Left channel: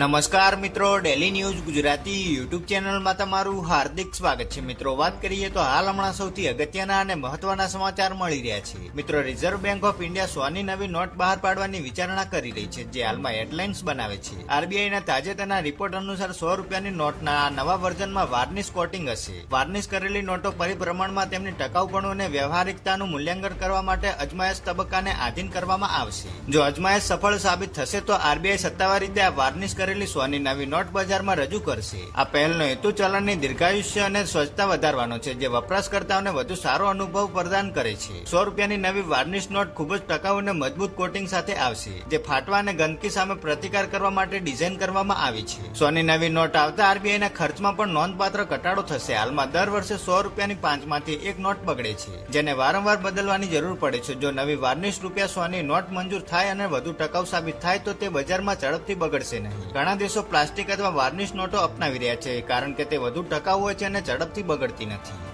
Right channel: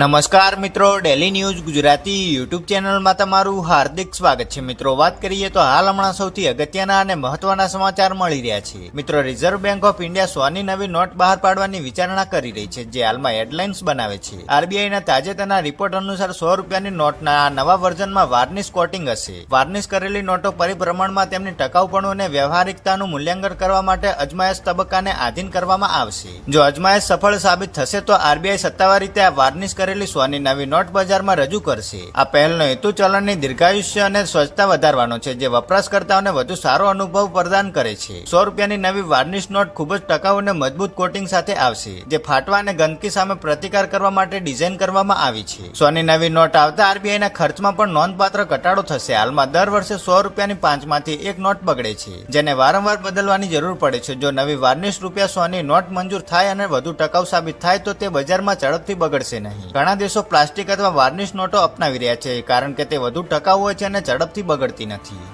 નમસ્કાર મિત્રો, daily news Gujarati YouTube ચેનલમાં તમારું હાર્દિક સ્વાગત છે। મિત્રો, વાત કરીએ તો હાલ હમણાં સૌથી અગત્યના અને મહત્વના સમાચાર મળી રહ્યા છે। મિત્રો, રિઝર્વ બેંક ઓફ ઇન્ડિયા 100ની નવી નોટ બહાર પાડવાની વિચારણા કરી રહી છે, જે હાલમાં હેડલાઇન્સ બનાવે છે। આરબીઆઈના તાજેતરના રિપોર્ટ અનુસાર 100 રૂપિયાની નોટના નવા વર્ઝનમાં વાર્નિશ કોટિંગ હશે। વાર્નિશ કરેલી નોટો પરિભ્રમણમાં તેમની ટકાઉપણું અને વ્યવહારિકતાનું મૂલ્યાંકન કરવા માટે અજમાયશ તબક્કાને આધીન કરવામાં આવશે। જો અજમાયશ સફળ સાબિત થશે તો આરબીઆઈ સત્તાવાર રીતે આ વાર્નિશ કરેલી 100ની નવી નોટ બજારમાં રજૂ કરશે। આ પહેલનો હેતુ ચલણની દીર્ઘાયુષ્ય અને સ્વચ્છતા વધારવાનો છે, જે વપરાશકર્તાઓને વધુ સારો અનુભવ પ્રદાન કરે છે। 100 રૂપિયાની નવી વાર્નિશ નોટ ખૂબ જ ટકાઉ અને મજબૂત કોટિંગ સાથે આવશે, જે ફાટવા અને ગંદકી સામે પ્રતિકાર કરવા માટે ડિઝાઇન કરવામાં આવી છે। 100ની નવી નોટ આવતા આરબીઆઈના ખર્ચમાં પણ નોંધપાત્ર ઘટાડો થશે। હાલમાં દર વર્ષે 100 રૂપિયાની 5માંથી એક નોટ બગડે છે, જેને વારંવાર બદલવાની જરૂર પડે છે। જો નવી વાર્નિશ રૂપિયા 100ની નોટ મંજૂર થાય અને વધુ ટકાઉ સાબિત થાય તો તે બજારમાં ઝડપથી બગડશે નહીં। ઘણા દેશો પ્લાસ્ટિક અથવા વાર્નિશ નોટો અપનાવી રહ્યા છે, કારણ કે તે વધુ ટકાઉ હોય છે અને ઝડપથી બગડતી નથી।